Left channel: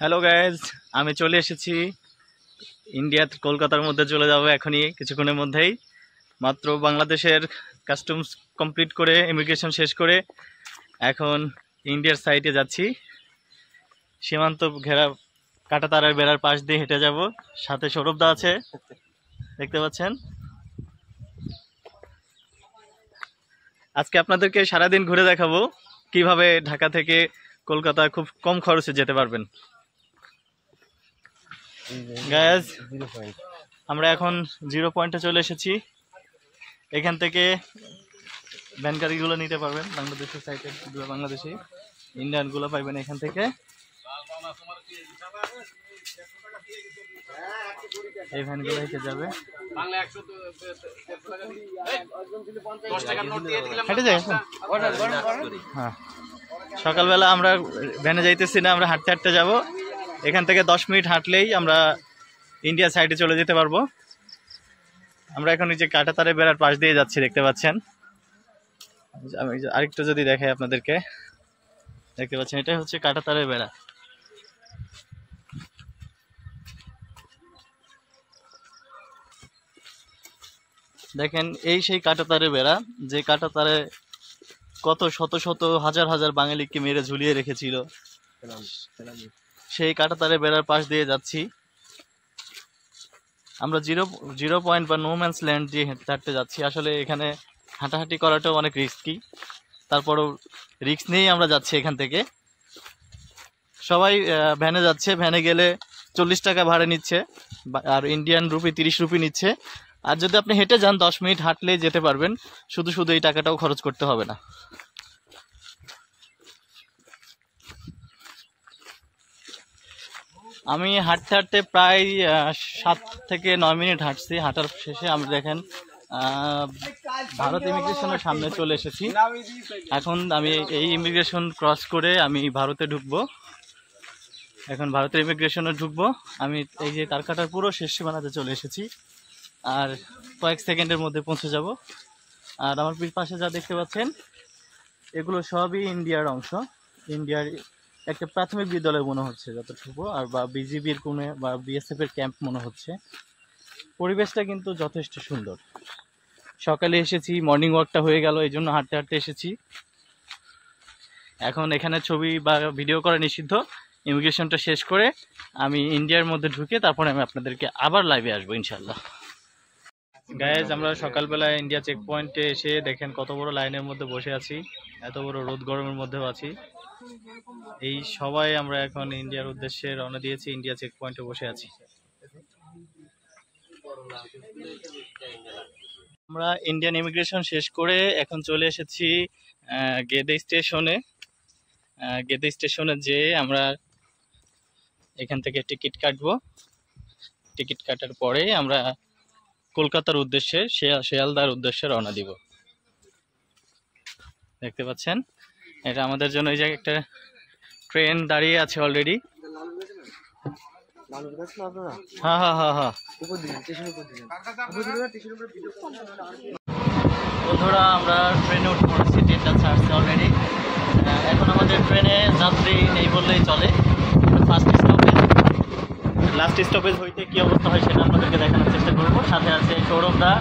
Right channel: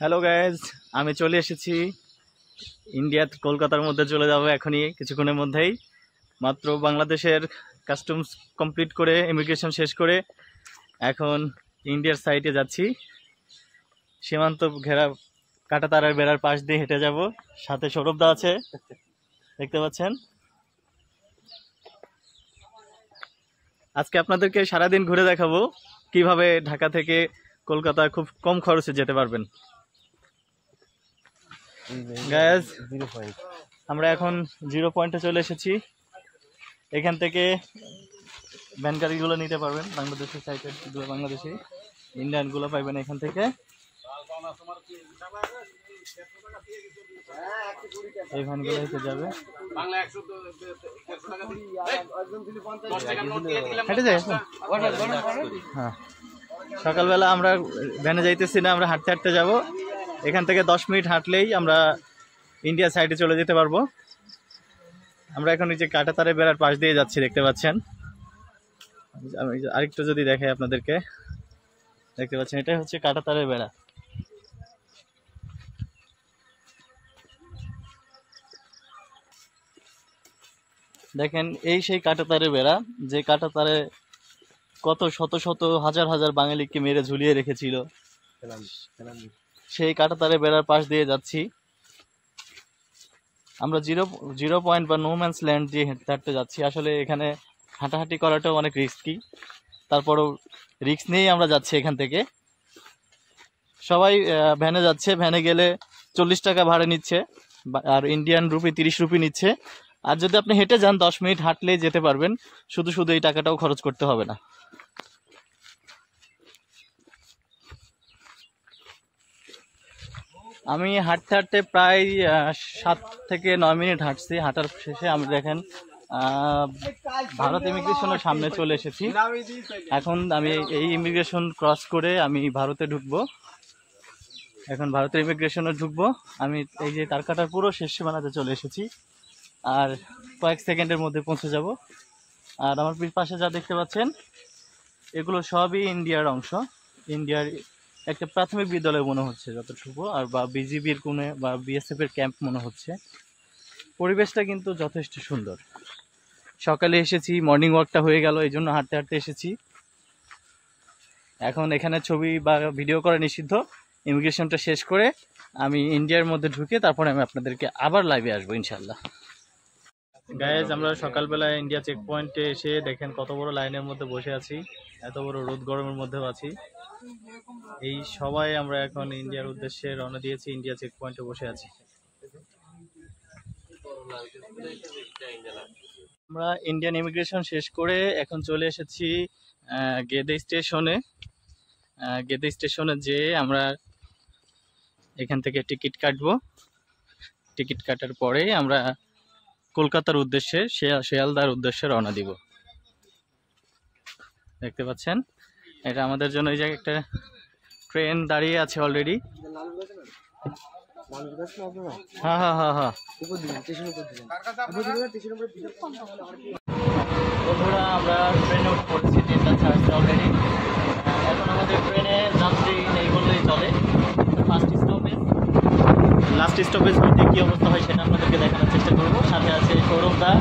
Hello guys, আমি চলে এসেছি ইন্ডিয়ার কলকাতার মধ্যে চলে যাব এখনই কিছুক্ষণের মধ্যেই। মাত্র বাংলাদেশের কাস্টমস কমপ্লিট করে ইমিগ্রেশন শেষ করে এখন ইন্ডিয়ার সাইডে যাচ্ছি। সীমান্ত ঘেরা কাঁটাতারের বেড়ার পাশ দিয়ে হেঁটে যাব। সাথে সৌরভদা আছে, দেখতে পাচ্ছেন। আজকে আপনাদেরকে সারাদিন ঘুরে দেখাবো কিভাবে ঢাকা থেকে কলকাতা খুব কম খরচে যেতে পারবেন। গাইজ, আমরা এখন 0 পয়েন্টে চলে এসেছি। এখান থেকে ভ্যান গাড়িগুলো নিতে পারবেন, বাংলাদেশের সাইডের বাংলাদেশি ইন্ডিয়ানগুলো পাইবেন এখান থেকে। এই ভ্যানগুলো হেঁটে যাবে, হেঁটে যায়। হ্যাঁ, সকালবেলা আমরা ভ্যানে যাইতেছি না, আমরা হাঁটতে হাঁটতে যাব। এখান থেকে 10 মিনিট হাঁটলেই আমরা ইন্ডিয়া সাইডে চলে যেতে পারবো। আমরা এখন এই যে কাঁটাতারের বেড়ার পাশ দিয়ে যাচ্ছি, দেখতে পাচ্ছেন। আমি আরেকটু যদি দেখাই আপনাদেরকে, দেখতে পাচ্ছেন এটাই হচ্ছে কাঁটাতারের বেড়া। দেখেন, এই সেই কাঁটাতারের বেড়া, যে কাঁটাতারে কত শত শত হাজার হাজার বাঙালিকে মেরে ঝুলিয়ে রেখেছিল। সেই কাঁটাতারের বেড়ার পাশ দিয়ে যাচ্ছি আমরা। জিরো পয়েন্ট বা নো ম্যানস ল্যান্ড দিয়ে হাঁটতে যাচ্ছি। আসলে এখানে হাঁটাহাঁটি করাটাও অনেক রিস্কি, তারপরও রিস্ক নিয়েই আমরা যাচ্ছি। এখান থেকে সবাই ভ্যানে যাচ্ছে, ভ্যানে গেলে 40 টাকা ভাড়া নিচ্ছে, আর ইন্ডিয়ান রুপি 30 রুপি নিচ্ছে। আর যদি আপনি হেঁটে যান 10 মিনিট হাঁটলেই যেতে পারবেন, শুধু শুধু এই টাকাটাও খরচ করতে হবে না। আমি হাঁটতে হাঁটতে প্রায় 7 থেকে 9 মিনিট হাঁটছি। হাঁটার শেষে আমি দেখেন ভারত ইমিগ্রেশনের সামনে চলে এসেছি। এখন আমি এই ইমিগ্রেশন ক্রস করে আমি ভারতে ঢুকবো। এখন ভারতের ইমিগ্রেশনে ঢুকবো আমি। এই যে তার কাটার পুরো শেষ সীমানাতে চলে এসেছি, আর কয়েক সেকেন্ডের মধ্যে পৌঁছে যাব। আর আমার পাশে যা দেখতে পাচ্ছেন, এগুলো সবই ইন্ডিয়ার অংশ। ইন্ডিয়ার একটা প্রাথমিক বিদ্যালয় মনে হচ্ছে যতটুকু, আর বা বিজিবির কোনো বা বিএসএফ এর ক্যাম্প মনে হচ্ছে। পরিবেশটা কিন্তু যথেষ্ট সুন্দর। সকালে এসেছি, মর্নিং ওয়াকটা হয়ে গেল, এই জন্য হাঁটতে হাঁটতে এসেছি। এখন এখানে ছবি বা ভিডিও করা নিষিদ্ধ। ইমিগ্রেশনটা শেষ করে আমি ইন্ডিয়ার মধ্যে ঢুকে তারপরে আমি আপনাদেরকে আবার লাইভে আসবো ইনশাল্লাহ। গাইজ, আমরা সকালবেলা ইন্ডিয়া চেক পয়েন্টে এসে দেখেন কত বড় লাইনের মধ্যে বসে আছি, এত বড় রোদ গরমের মধ্যেও আছি। এই সবাই আমরা এখন ইন্ডিয়ার উদ্দেশ্যে রওনা দিয়েছি, ইন্ডিয়া চেক পয়েন্টে বসে আছি। আমরা ইন্ডিয়ান ইমিগ্রেশন শেষ করে এখন চলে এসেছি গেদে স্টেশনে। গেদে স্টেশনে যেয়ে আমরা এখান থেকে টিকিট কাটবো। টিকিট কাটার পরে আমরা কলকাতার উদ্দেশ্যে, শিয়ালদার উদ্দেশ্যে রওনা দিব। দেখতে পাচ্ছেন, এটা আমাদের জন্য এই যে একটা ট্রেন দাঁড়িয়ে আছে অলরেডি। হ্যাঁ হ্যাঁ হ্যাঁ হ্যাঁ, বন্ধুরা আমরা ট্রেনে উঠে পড়েছি, ট্রেনটা ছাড়ছে অলরেডি। এখন আমাদের ট্রেনে যাত্রী নেই বললেই চলে। ফার্স্ট স্টপেজ, লাস্ট স্টপেজ হচ্ছে কী অবস্থা হয় সেটা আপনাদেরকে দেখানোর চেষ্টা করব। সাথে আছে সৌরভদা,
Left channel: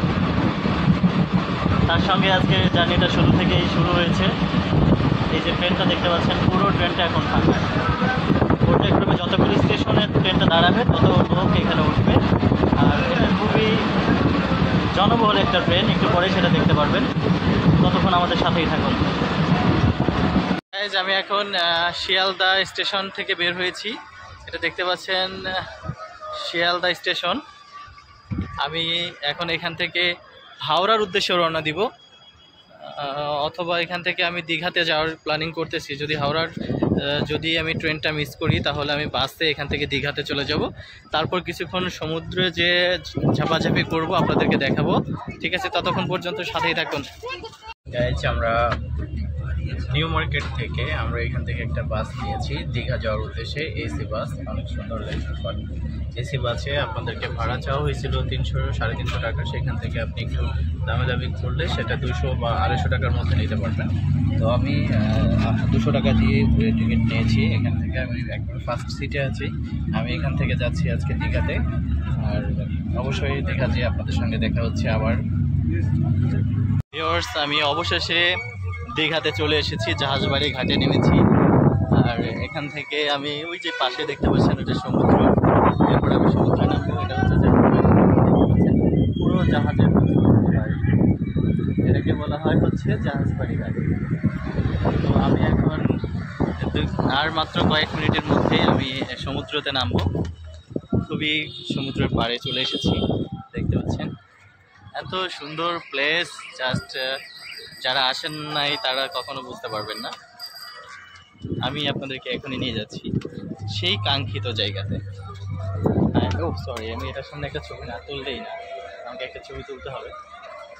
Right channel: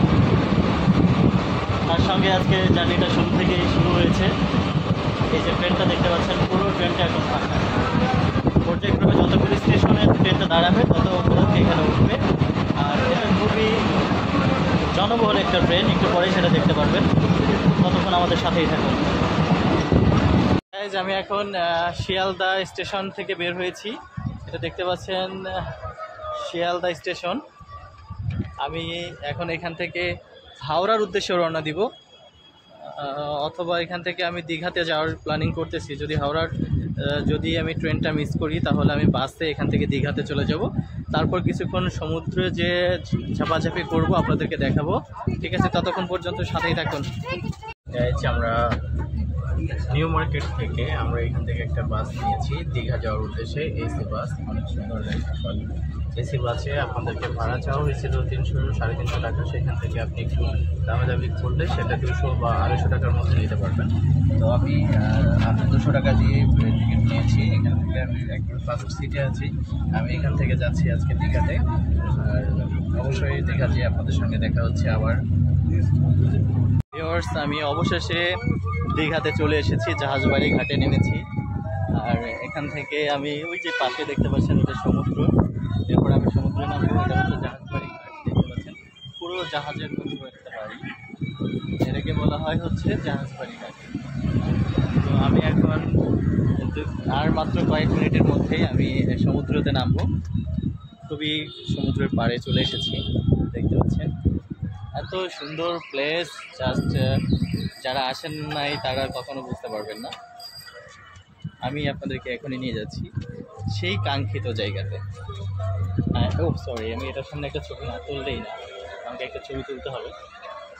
তার সঙ্গে আজকে জার্নিটা শুরু থেকেই শুরু হয়েছে। এই যে ট্রেনটা দেখতে পাচ্ছেন, পুরো ট্রেনটা এখন ফাঁকা। পর্যায়ক্রমে যতগুলি স্টেশনে ট্রেনটা দাঁড়াবে তত লোক এখানে উঠবে। আর এটা খুবই জনবহুল একটা ট্রেন, একটু পরে সেটা দেখতে পারবেন। ততক্ষণ আমাদের সাথেই থাকুন। আমি এখন শিয়ালদা স্টেশন থেকে বের হয়েছি। এটা দেখতে পাচ্ছেন শিয়ালদা স্টেশন। আমি এখন এখান থেকে হাওড়ার উদ্দেশ্যে রওনা দিব, অথবা এখান থেকে আমি দীঘাতে যাওয়ার প্ল্যানিং করতেছি। যদি আমি ট্রেনটা মিস করি তাহলে আমি বাসে এখান থেকে দীঘাতে চলে যাব। তারপর কিছুক্ষণ সমুদ্রে যে ঝাপাঝাপি করব আপনাদেরকে দেখাবো। ঠিক আছে, ততক্ষণ পর্যন্ত সাথেই থাকুন। আমরা নিউ মার্কেট থেকে আমরা এখান থেকে একটা বাস নিয়েছি দীঘা যাওয়ার উদ্দেশ্যে, এসি বাস। অনেক সুন্দর এসি বাসে আপনাদেরকে ভাড়া চাওয়া হয়েছিল 300-350 টাকা। সেখান থেকে আপনি একটু দামি করলে সেটা 200 বা 250 টাকার মধ্যে নিতে পারবেন। তো আমি 200 টাকা দিয়ে টিকিট নিয়েছি। এখান থেকে আমি একবার ফার্স্ট সিটে আছি। আমি এখান থেকে যাচ্ছি আজকে দীঘাতে। আর অবশ্যই দীঘা যেয়ে আপনাদের সঙ্গে দেখা হচ্ছে আবার। আমি অবশেষে দীঘাতে চলে এসেছি, জাহাজবাড়ি ঘাটে নেমেছি। আর এখান থেকে আমি ওই যে পাশে দেখতে পাচ্ছেন ওটা সমুদ্র, এরপর আমি সমুদ্রে নামবো। এটা হচ্ছে পুরো জাহাজের এটাকে বলা হয় হচ্ছে জাহাজবাড়ি ঘাট। তো আমি এখন আর মাত্র কয়েক মিনিটের মধ্যেই আমি সমুদ্রতে নামবো। খুবই সমুদ্রের পাড়ে চলে এসেছি, দেখতে পাচ্ছেন এত সুন্দর প্লেস। জাস্ট যারা আসেন নাই তারা কখনো বুঝতে পারবেন না। আমি আপনাদেরকে এখনই নিয়ে যাচ্ছি সেই কাঙ্ক্ষিত জায়গাতে। ও সরি, আমি এটার সামনে একটা ছবি না তুললেই না, আমাকে একটা ছবি তুলতে হবে।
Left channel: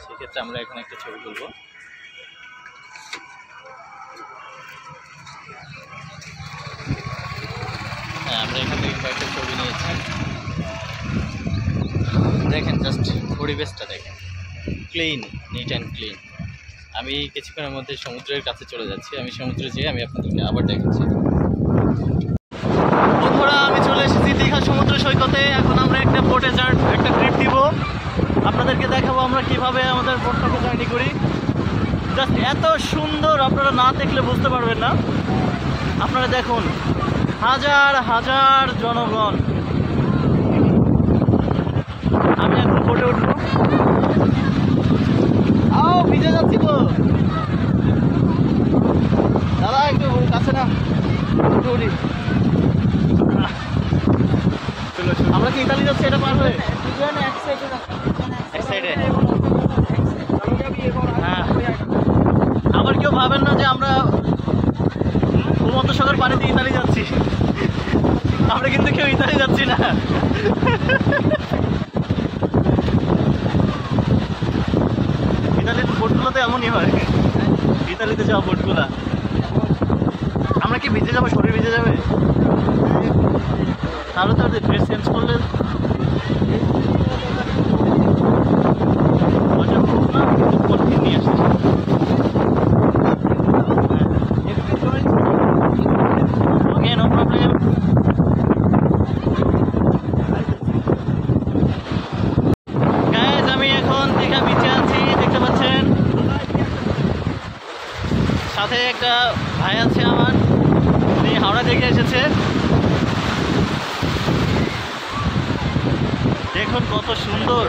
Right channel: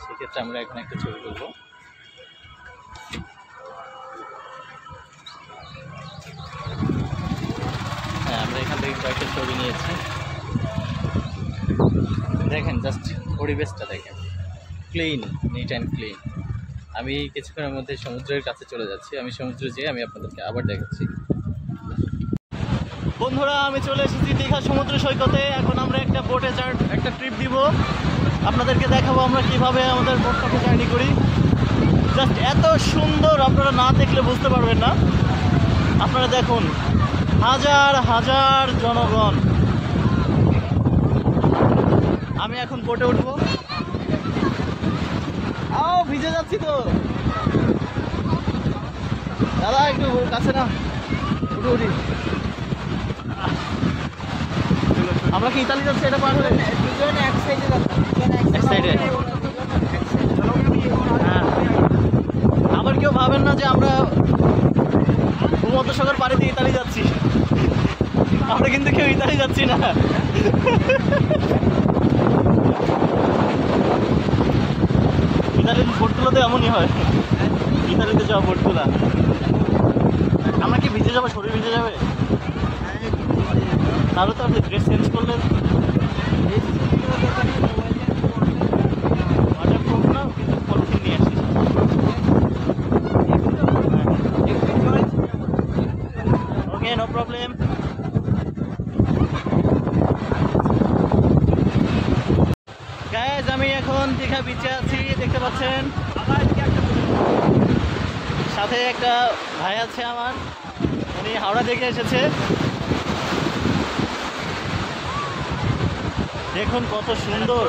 সেক্ষেত্রে আমরা এখন একটা ছবি তুলবো। হ্যাঁ, আমরা এখান থেকে কয়েকটা ছবি নিয়েছি। দেখেন জাস্ট পরিবেশটা দেখেন, ক্লিন, নিট অ্যান্ড ক্লিন। আমি কিছুক্ষণের মধ্যে সমুদ্রের কাছে চলে যাচ্ছি। আমি সমুদ্রে যেয়ে আমি আপনাদেরকে আবার দেখাচ্ছি। বন্ধুরা, আমি চলে এসেছি দীঘা সমুদ্র সৈকতে। এখন আমরা একটা বোটে একটা ট্রিপ দিব। আপনাদেরকে দেখাবো আমরা কিভাবে আমাদের বোটটাকে জার্নি করি। জাস্ট এত সুন্দর, আপনারা না দেখলে বুঝতে পারবেন না। আপনারা দেখুন, হাজার হাজার জনগণ। আমি এখন বোটে উঠবো। ভিজে যাচ্ছি তো দাদা, একটু কাছে না, উঠে উঠি। আমরা কি ইতালি যাচ্ছি? এটা পার হয়ে এক সাইডে। হ্যাঁ, আবার কেউ ভাবেন না যে আমরা ভূমধ্যসাগর পাড়ি দিয়ে ইতালি যাচ্ছি। আমরা কিন্তু কেউ ইতালি যাচ্ছি না। ইতালির বোটগুলোতে এমনই হয়, ইতালিতে যাওয়া বোটগুলা। আমরা কি ভিজে যাবো? শরীর ভিজে যাবে? তাহলে তো ড্রেস চেঞ্জ করলে ওয়াটারপ্রুফ না, কিন্তু পলিথিন নিয়ে আসছে। ওকে, নো প্রবলেম। গাইজ, আমি এখন দীঘা বিচে আছি, দেখতে পাচ্ছেন। সাথে একটা ভাই আছে আমার, উনি হাওড়া থেকে এসেছে। দেখুন কত সুন্দর।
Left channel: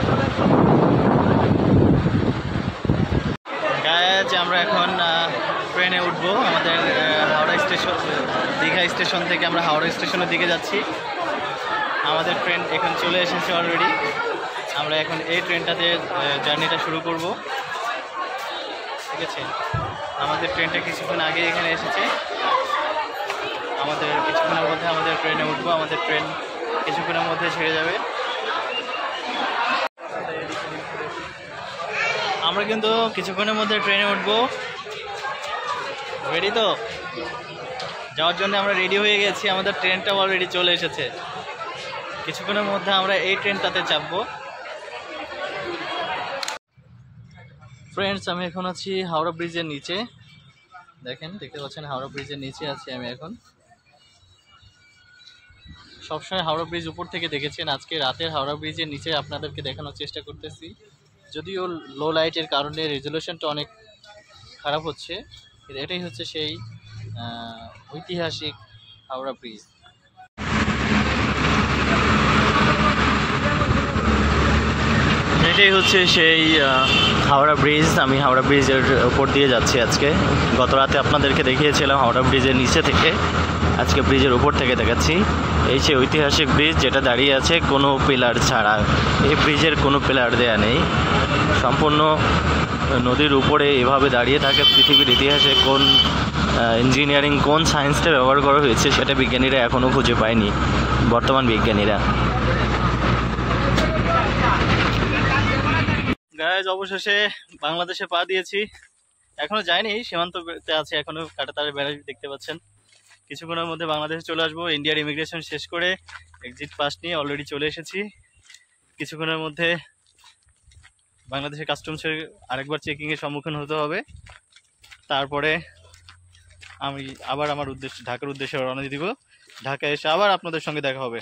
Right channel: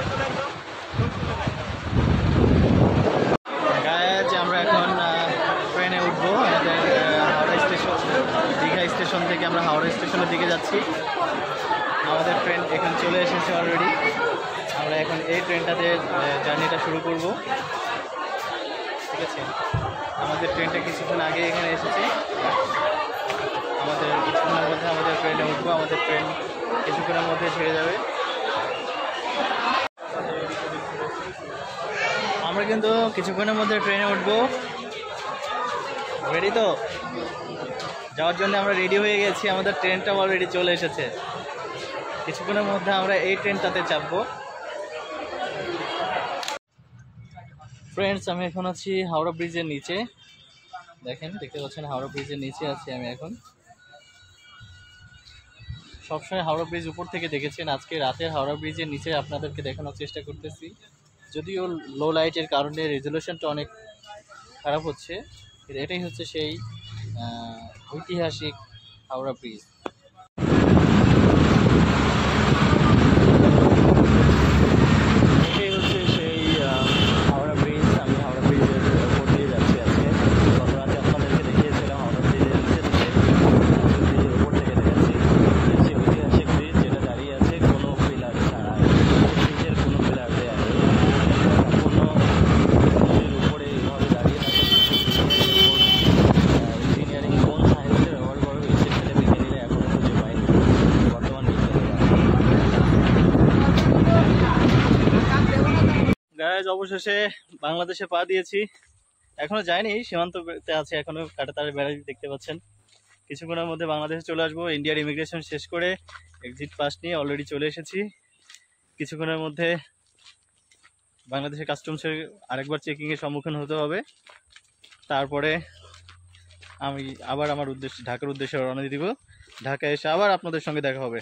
গাইজ, আমরা এখন ট্রেনে উঠবো। আমাদের হাওড়া স্টেশন, দীঘা স্টেশন থেকে আমরা হাওড়া স্টেশনের দিকে যাচ্ছি। আমাদের ট্রেন এখন চলে এসেছে অলরেডি। আমরা এখন এই ট্রেনটাতে জার্নিটা শুরু করব। ঠিক আছে, আমাদের ট্রেনটা কিছুক্ষণ আগে এখানে এসেছে। আমাদের কিছুক্ষণের মধ্যে আমাদের ট্রেনে উঠবো। আমাদের ট্রেন কিছুক্ষণের মধ্যে ছেড়ে যাবে। আমরা কিন্তু কিছুক্ষণের মধ্যে ট্রেনে উঠবো। রেডি তো? যাওয়ার জন্য আমরা রেডি হয়ে গেছি। আমাদের ট্রেনটাও অলরেডি চলে এসেছে। কিছুক্ষণের মধ্যে আমরা এই ট্রেনটাতে চাপবো। ফ্রেন্ডস, আমি এখন আছি হাওড়া ব্রিজের নিচে। দেখতে পাচ্ছেন হাওড়া ব্রিজের নিচে আছি আমি এখন। সবসময় হাওড়া ব্রিজ উপর থেকে দেখেছেন, আজকে রাতের হাওড়া ব্রিজের নিচে আপনাদেরকে দেখানোর চেষ্টা করতেছি। যদিও লো লাইটের কারণে রেজুলেশনটা অনেক খারাপ হচ্ছে। এটাই হচ্ছে সেই ঐতিহাসিক হাওড়া ব্রিজ। এটাই হচ্ছে সেই হাওড়া ব্রিজ। আমি হাওড়া ব্রিজের উপর দিয়ে যাচ্ছি আজকে। গত রাতে আপনাদেরকে দেখিয়েছিলাম হাওড়া ব্রিজের নিচে থেকে, আজকে ব্রিজের উপর থেকে দেখাচ্ছি। এই যে ঐতিহাসিক ব্রিজ, যেটা দাঁড়িয়ে আছে কোনো পিলার ছাড়া। এই ব্রিজের কোনো পিলার দেয়া নেই, সম্পূর্ণ নদীর উপরে এভাবে দাঁড়িয়ে থাকে। পৃথিবীর ইতিহাসে কোন ইঞ্জিনিয়ারিং, কোন সায়েন্সটা ব্যবহার করা হয়েছে সেটা বিজ্ঞানীরা এখনও খুঁজে পায়নি, বর্তমান বিজ্ঞানীরা। গাইজ, অবশেষে বাংলাদেশে পা দিয়েছি। এখনো যায়নি, সীমান্ততে আছে এখনো, কাঁটাতারের বেড়া দেখতে পাচ্ছেন। কিছুক্ষণের মধ্যে বাংলাদেশে চলে আসবো। ইন্ডিয়ার ইমিগ্রেশন শেষ করে এক্সিট পাস নিয়ে অলরেডি চলে এসেছি। কিছুক্ষণের মধ্যে বাংলাদেশের কাস্টমসের আরেকবার চেকিংয়ের সম্মুখীন হতে হবে। তারপরে আমি আবার আমার ঢাকার উদ্দেশ্যে রওনা দিব। ঢাকায় এসে আবার আপনাদের সঙ্গে দেখা হবে।